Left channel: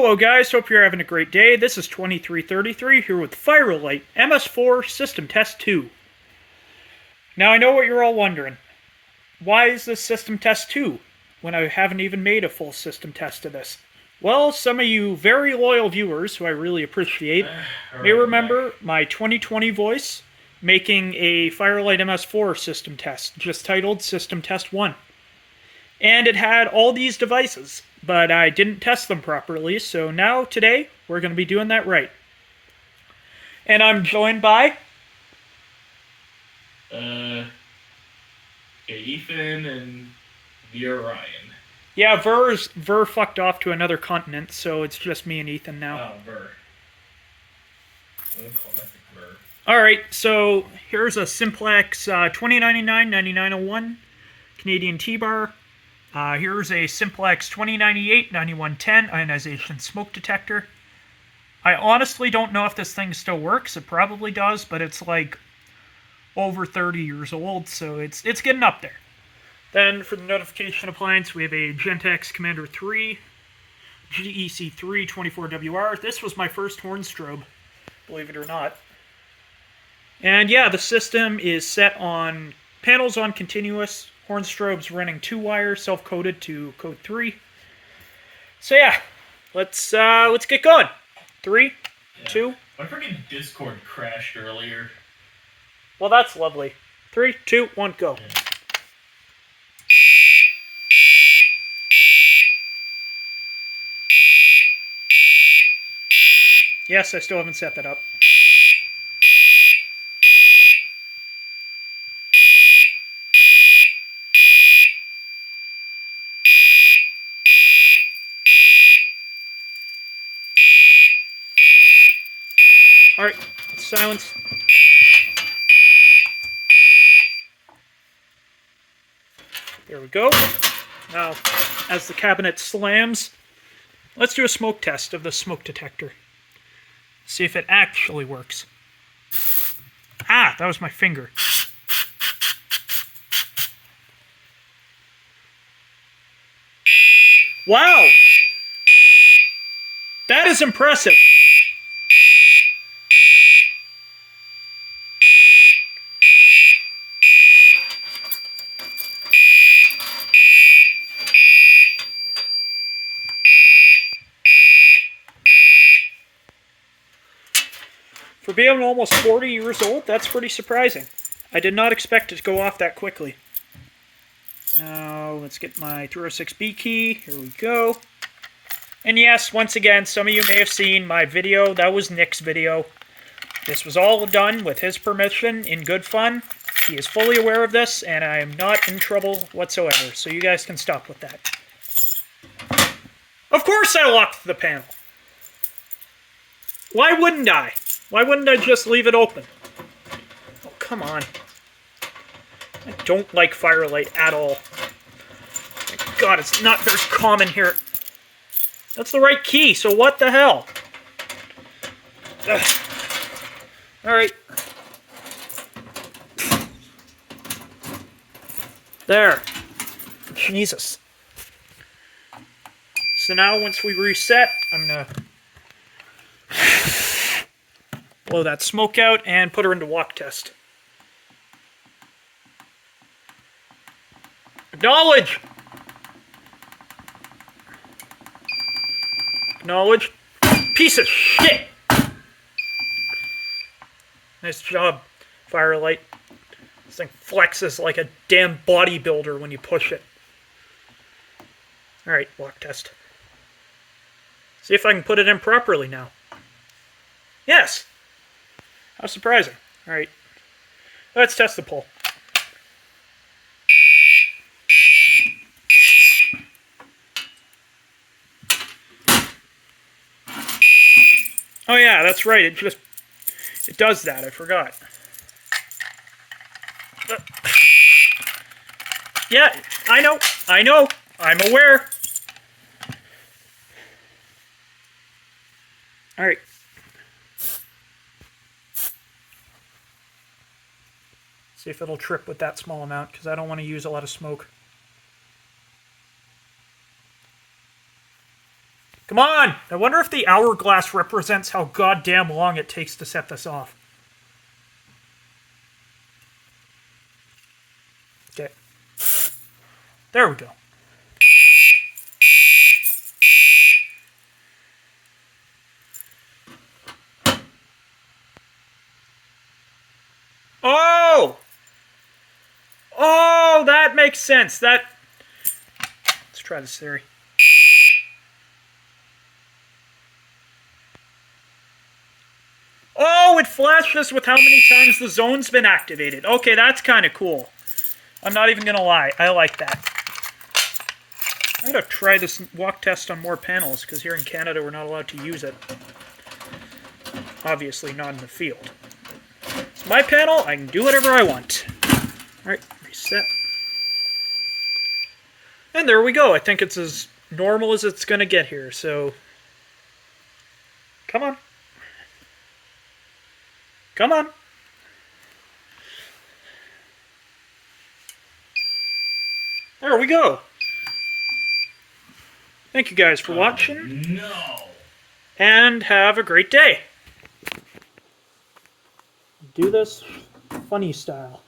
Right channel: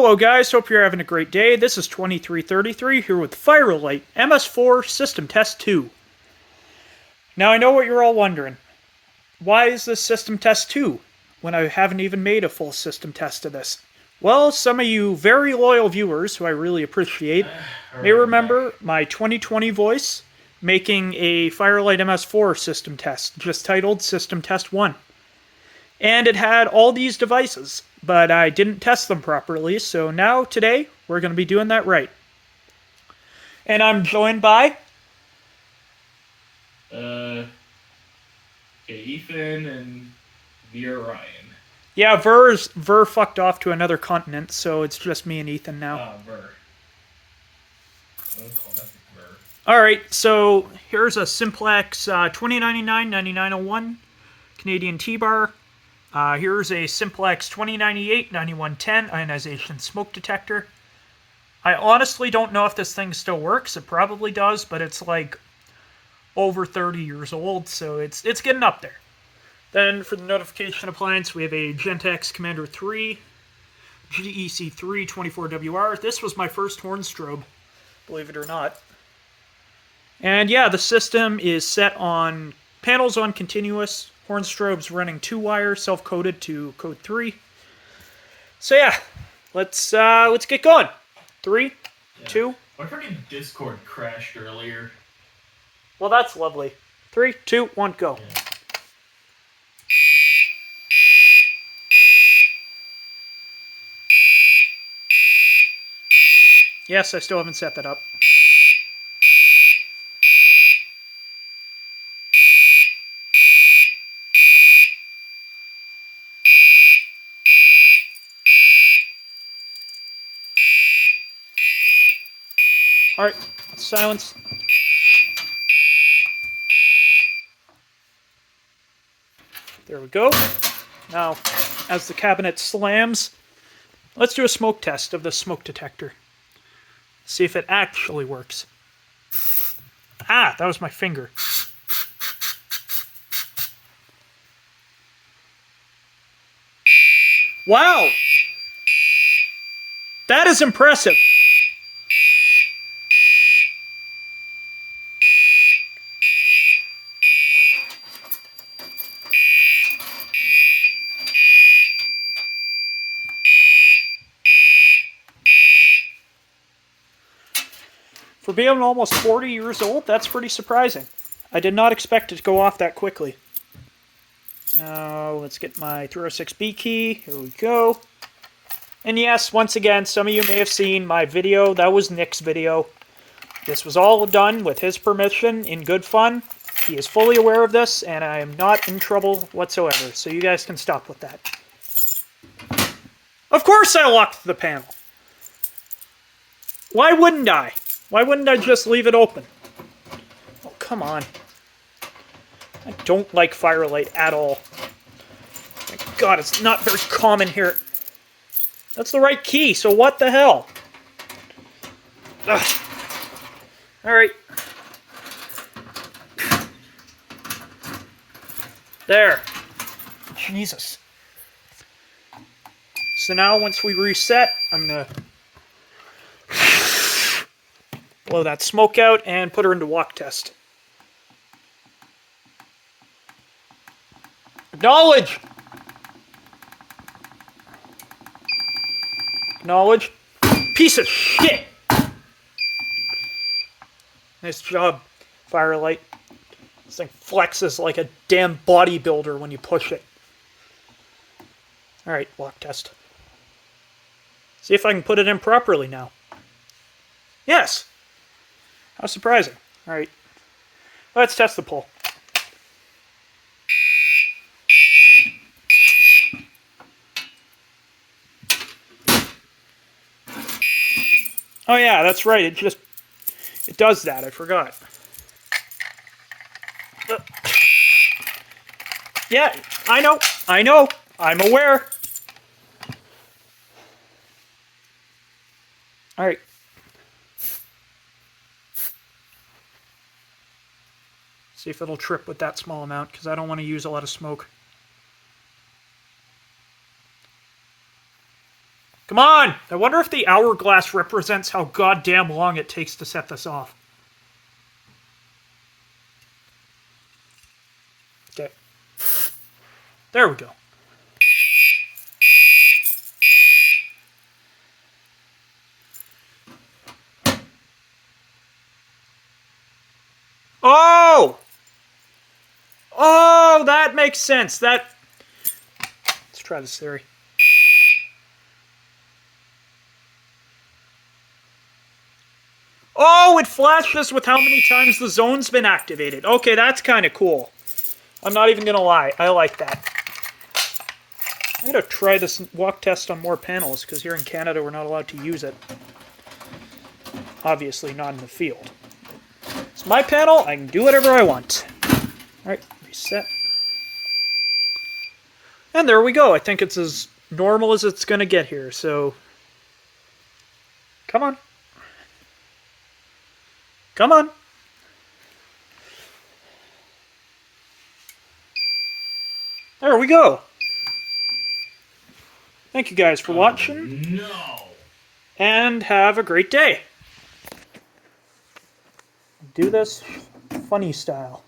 Hello guys, hope you're having a great day. This is 2333 here with Firelight MS4 System Test 2. Now I know what you're all wondering. Why is this System Test 2 when I haven't even made a full system test of this? Well, some of you very loyal viewers, who I really appreciate, may remember my 2020 voice making a Firelight MS4 system test, just titled System Test 1. And it had all these devices, but I didn't test them properly, so now, today, we're going to be doing that right. And I'm joined by... Ethan and Vera Ryan. Yeah, Ver fucked off to another continent, so it's just me and Ethan now. Oh, Ver. Classic Ver. Alright, so here's a Simplex 2099-9901 Canadian T-bar. Here's a Simplex 2098-9110 ionization smoke detector. I honestly don't know if this thing still works. It probably does, but it's like over 30 years old, so it's getting up there. Then for the notification appliance, we have a Gentex Commander 3 GEC3 24WR. This was my first horn strobe, believe it or not. And yeah, the system is set on panels on continuous. Horn strobes running 2-wire, self-coded to code 3. So yeah, let's get going. 3, 2. My freaking Discord crashed earlier. Well, that's lovely. 3, 2, 1, go. Yeah. Yes, I still haven't set that up. Alright, silence. There we go. Now, as the cabinet slams, let's do a smoke test of the smoke detector. See if it actually works. Ah, that was my finger. Wow! That is impressive. For being almost 40 years old, that's pretty surprising. I did not expect it to go off that quickly. Now, let's get my 306B key. Here we go. And yes, once again, some of you may have seen my video. That was Nick's video. This was all done with his permission, in good fun. He is fully aware of this, and I am not in trouble whatsoever. So you guys can stop with that. Of course I locked the panel. Why wouldn't I? Why wouldn't I just leave it open? Oh, come on. I don't like Firelight at all. My God, it's not very common here. That's the right key, so what the hell? Ugh. Alright. There. Jesus. So now, once we reset, I'm gonna blow that smoke out and put her into walk test. Acknowledge! Acknowledge. Piece of shit! Nice job, Firelight. This thing flexes like a damn bodybuilder when you push it. Alright, walk test. See if I can put it in properly now. Yes! How surprising. Alright. Let's test the pull. Oh yeah, that's right. It does that. I forgot. Yeah, I know. I'm aware. Alright. See if it'll trip with that small amount, because I don't want to use a lot of smoke. Come on! I wonder if the hourglass represents how goddamn long it takes to set this off. Okay. There we go. Oh! Oh, that makes sense. Let's try this theory. Oh, it flashes with how many times the zone's been activated. Okay, that's kind of cool. I'm not even gonna lie. I like that. I gotta try this walk test on more panels, because here in Canada we're not allowed to use it. Obviously not in the field. It's my panel, I can do whatever I want. Alright, reset. And there we go. I think it's as normal as it's gonna get here, so... Come on. Come on. There we go. Thank you guys for watching. No. And have a great day. Do this funny style.